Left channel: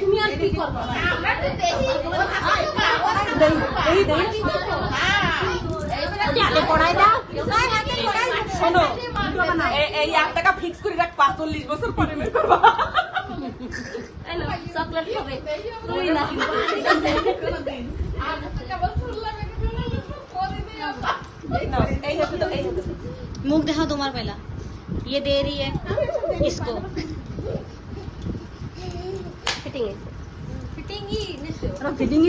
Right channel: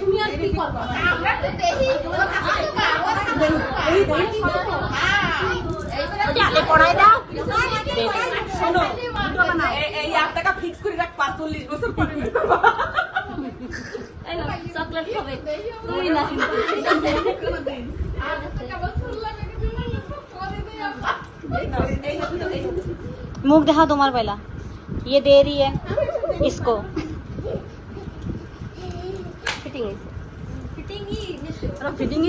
তুমি আর কি করবা আমরা তো দেখি শোনো এই 8 টাকা ফিক্স করে রাখ 45 বছর পরে বের করবা চকলেট খাবে তুই না मुख दिखाओ तुम्हारा पहला ये दे रही है इसको फिटिंग फिटिंग